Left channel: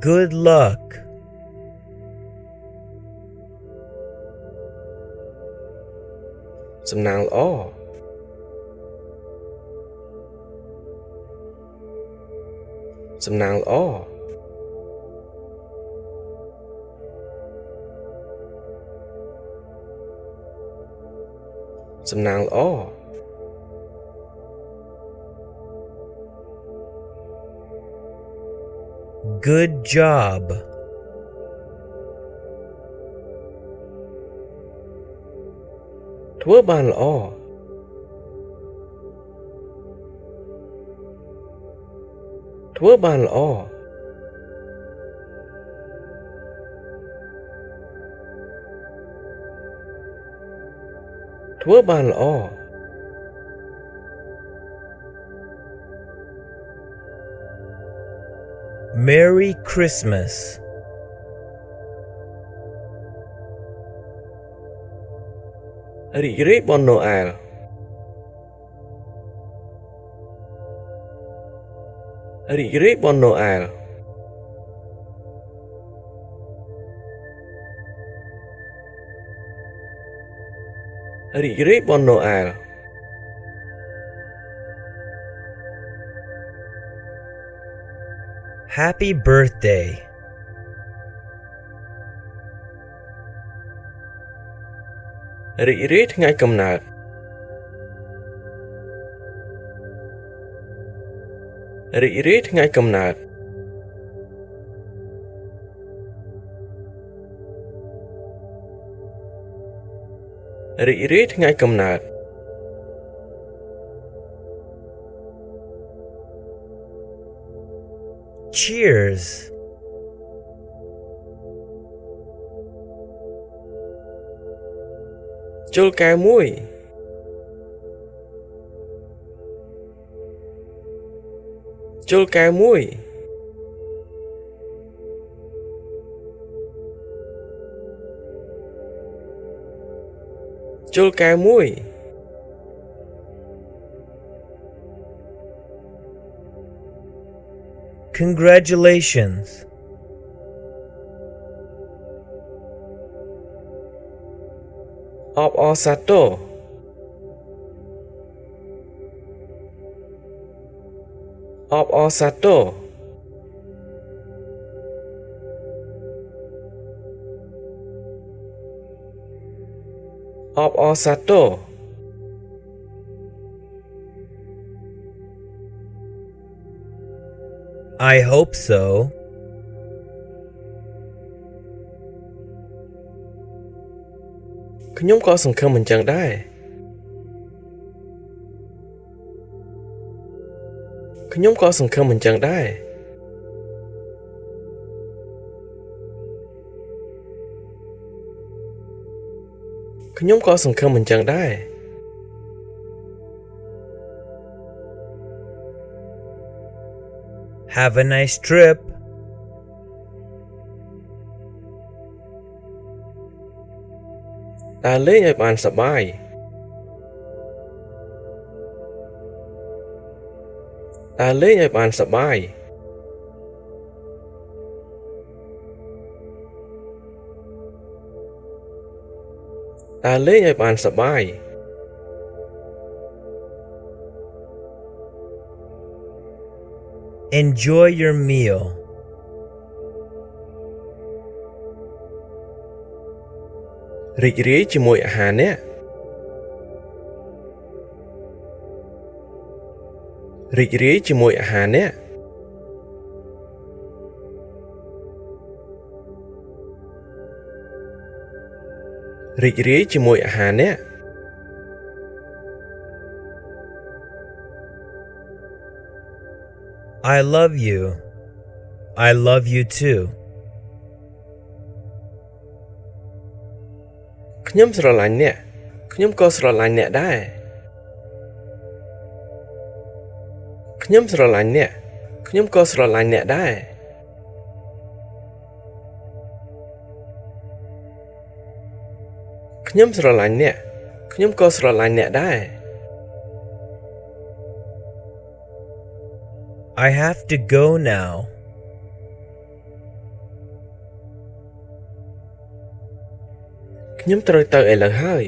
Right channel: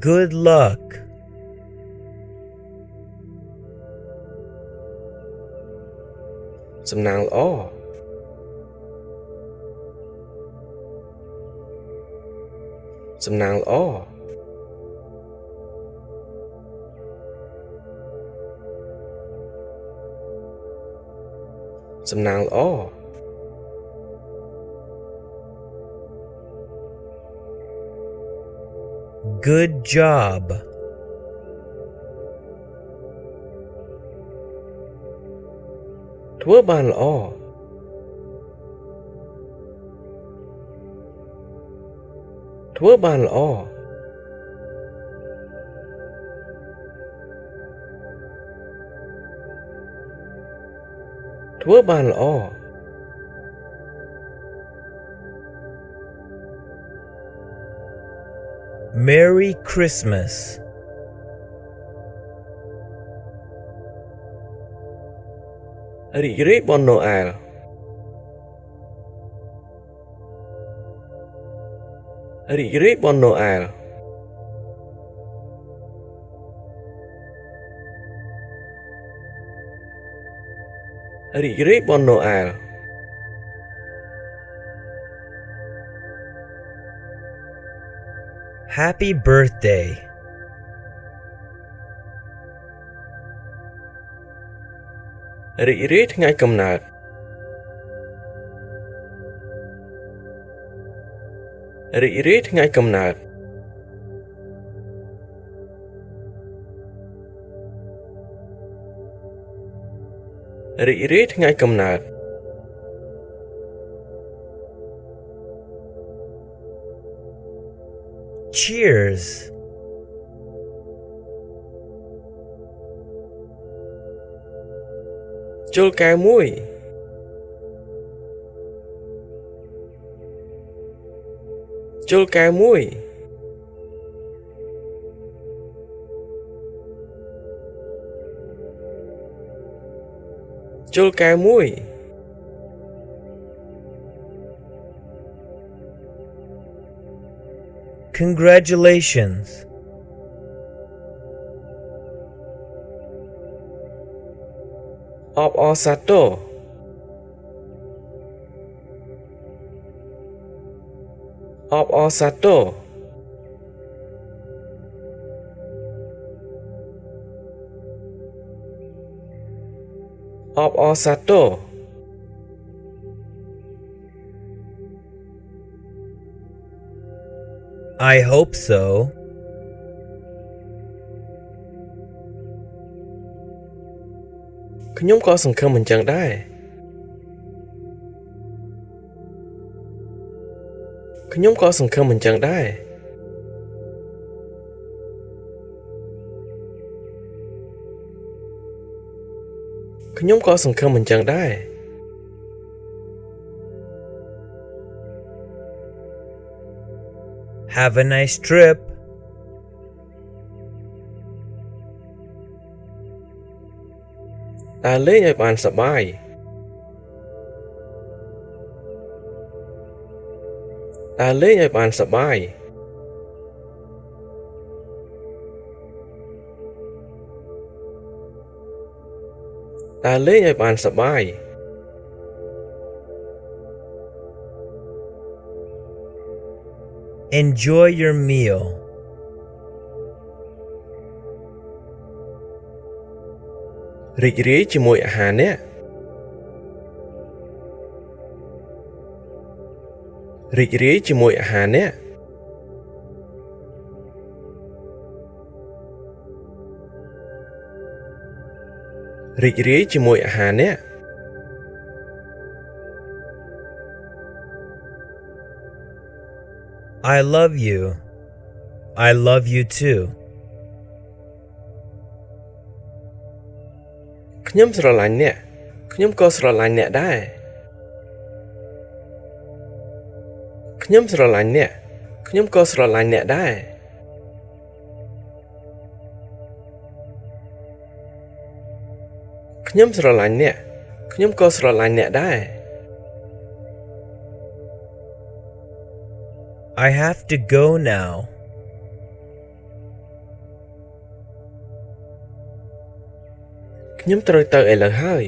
Good luck. Some now all. Some now all. Some now all. Good job. Quá bàn all. Quá bàn all. Quá bàn all. Merry Christmas. Ri bon Noel. Ri bon Noel. Ri bon Noel. Happy birthday. Ri ថ្ងៃកំណើត Ri ថ្ងៃកំណើត Ri ថ្ងៃកំណើត Cheers. Chol kèo muối. Chol kèo muối. Chol kèo muối. Congratulations. Op Osato. Op Osato. Op Osato. I hope so.ខ្ញុំក៏សង្ឃឹមអញ្ចឹងដែរ ខ្ញុំក៏សង្ឃឹមអញ្ចឹងដែរ ខ្ញុំក៏សង្ឃឹមអញ្ចឹងដែរ Have a nice trip. ដើរលេងឲ្យបានសប្បាយ ដើរលេងឲ្យបានសប្បាយ ដើរលេងឲ្យបានសប្បាយ Enjoy your meal. រីករាយជាមួយអាហារនេះ រីករាយជាមួយអាហារនេះ រីករាយជាមួយអាហារនេះ I love you. I love you too. ខ្ញុំស្រឡាញ់អ្នក ខ្ញុំក៏ស្រឡាញ់អ្នកដែរ ខ្ញុំស្រឡាញ់អ្នក ខ្ញុំក៏ស្រឡាញ់អ្នកដែរ ខ្ញុំស្រឡាញ់អ្នក ខ្ញុំក៏ស្រឡាញ់អ្នកដែរ I have to go now. ខ្ញុំត្រូវទៅឥឡូវហើយ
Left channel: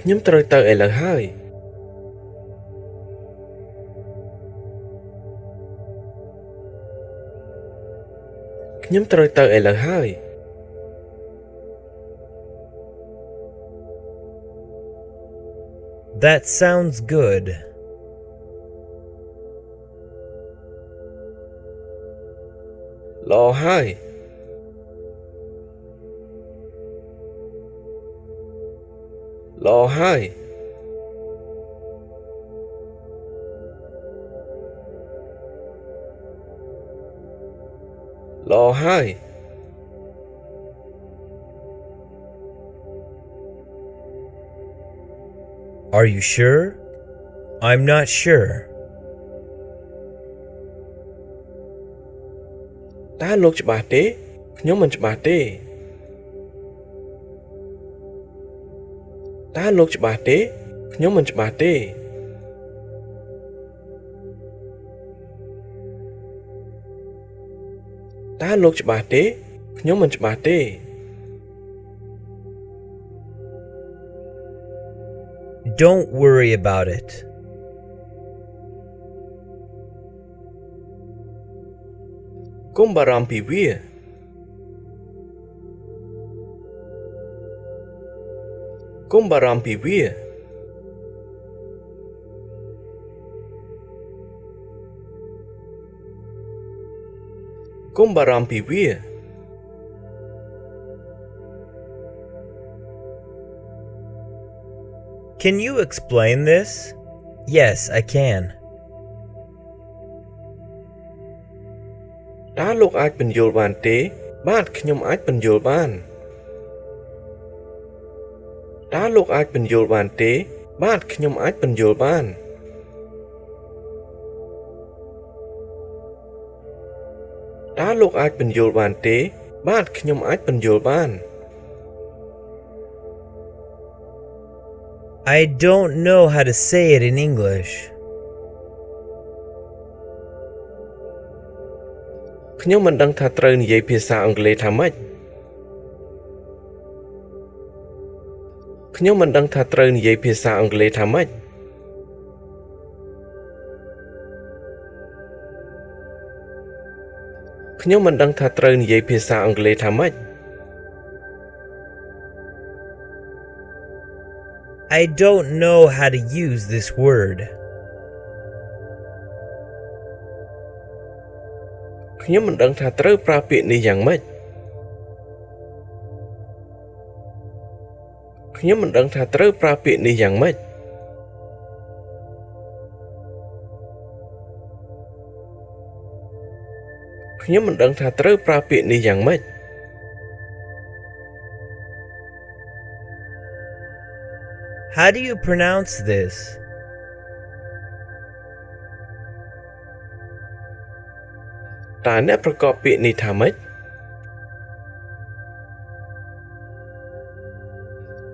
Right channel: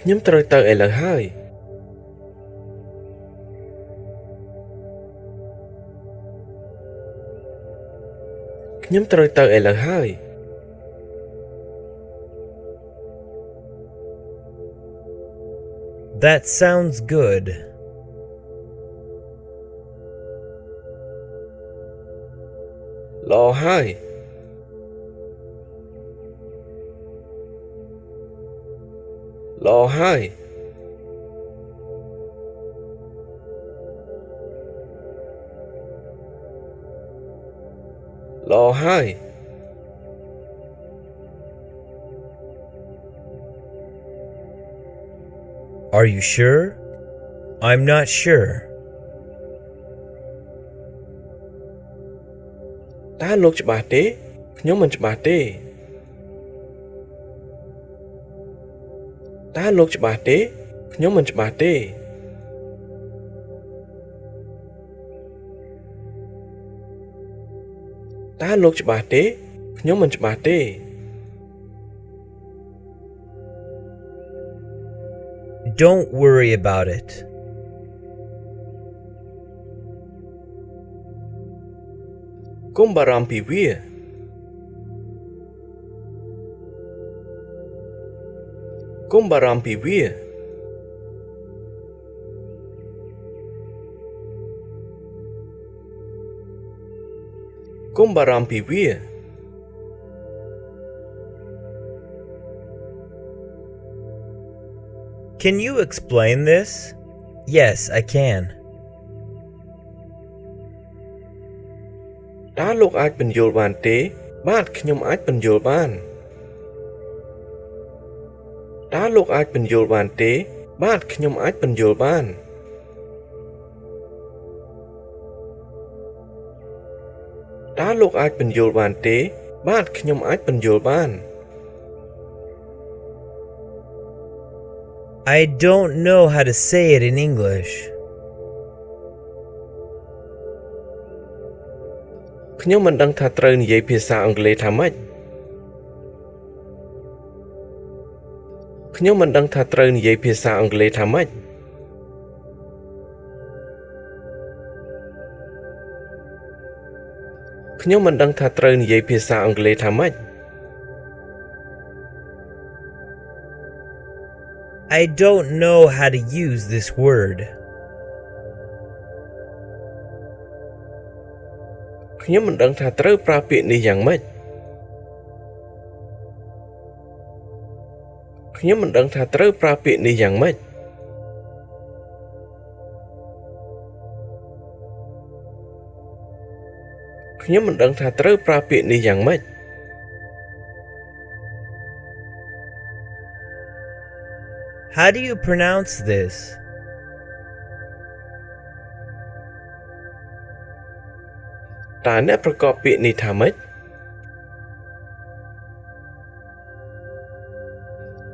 ខ្ញុំត្រូវទៅឥឡូវហើយខ្ញុំត្រូវទៅឥឡូវហើយ That sounds good. ល្អហើយល្អហើយល្អហើយ Are you sure? I'm not sure. តើលោកច្បាស់ទេខ្ញុំមិនច្បាស់ទេតើលោកច្បាស់ទេខ្ញុំមិនច្បាស់ទេតើលោកច្បាស់ទេខ្ញុំមិនច្បាស់ទេ Don't worry about it. កុំបារម្ភពីវាកុំបារម្ភពីវាកុំបារម្ភពីវា Can you explain this? Yes, I can. តើលោកអាចបញ្យល់បានទេបាទខ្ញុំអាចបញ្យល់បានតើលោកអាចបញ្យល់បានទេបាទខ្ញុំអាចបញ្យល់បានតើលោកអាចបញ្យល់បានទេបាទខ្ញុំអាចបញ្យល់បាន I don't know how to say it in English. ខ្ញុំមិនដឹងថាត្រូវនិយាយភាសាអង់គ្លេសថាម៉េចខ្ញុំមិនដឹងថាត្រូវនិយាយភាសាអង់គ្លេសថាម៉េចខ្ញុំមិនដឹងថាត្រូវនិយាយភាសាអង់គ្លេសថាម៉េច I don't know how to use this word. ខ្ញុំមិនដឹងថាត្រូវប្រើពាក្យនេះយ៉ាងម៉េចខ្ញុំមិនដឹងថាត្រូវប្រើពាក្យនេះយ៉ាងម៉េចខ្ញុំមិនដឹងថាត្រូវប្រើពាក្យនេះយ៉ាងម៉េច How do you pronounce this? តើអ្នកប្រកបពាក្យនេះថាម៉េច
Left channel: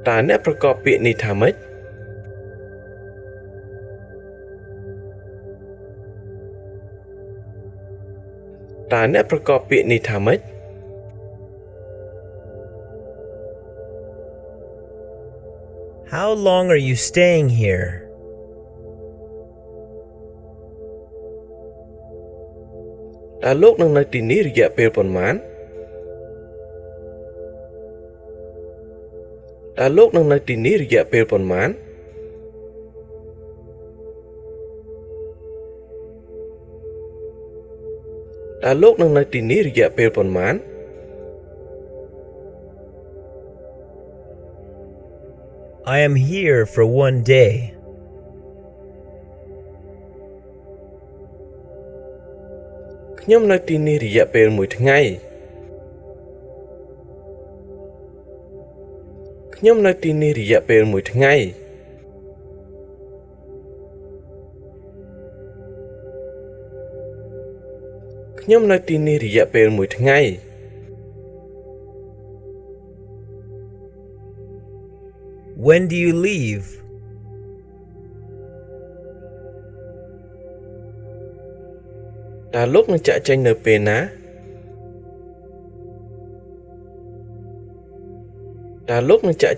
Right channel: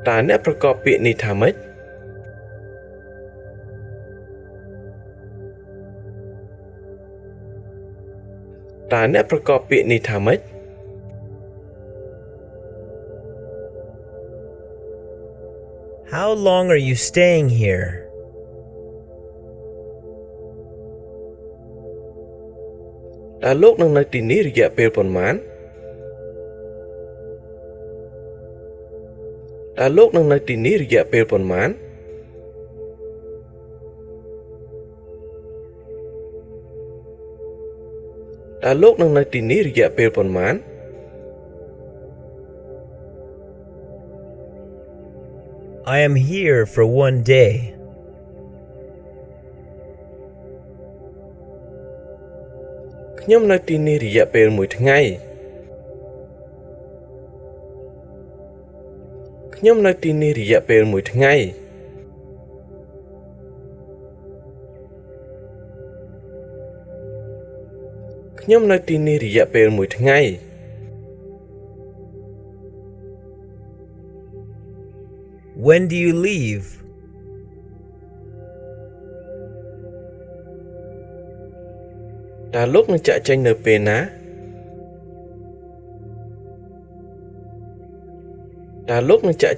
តើអ្នកប្រកបពាក្យនេះថាម៉េចតើអ្នកប្រកបពាក្យនេះថាម៉េច How long are you staying here? តើលោកនឹងនៅទីនេះរយៈពេលប៉ុន្មានតើលោកនឹងនៅទីនេះរយៈពេលប៉ុន្មានតើលោកនឹងនៅទីនេះរយៈពេលប៉ុន្មាន I am here for 1 day. ខ្ញុំនៅទីនេះរយៈពេល1ថ្ងៃខ្ញុំនៅទីនេះរយៈពេល1ថ្ងៃខ្ញុំនៅទីនេះរយៈពេល1ថ្ងៃ When do you leave? តើលោកនឹងចាក់ចេញនៅពេលណា តើលោកនឹងចែក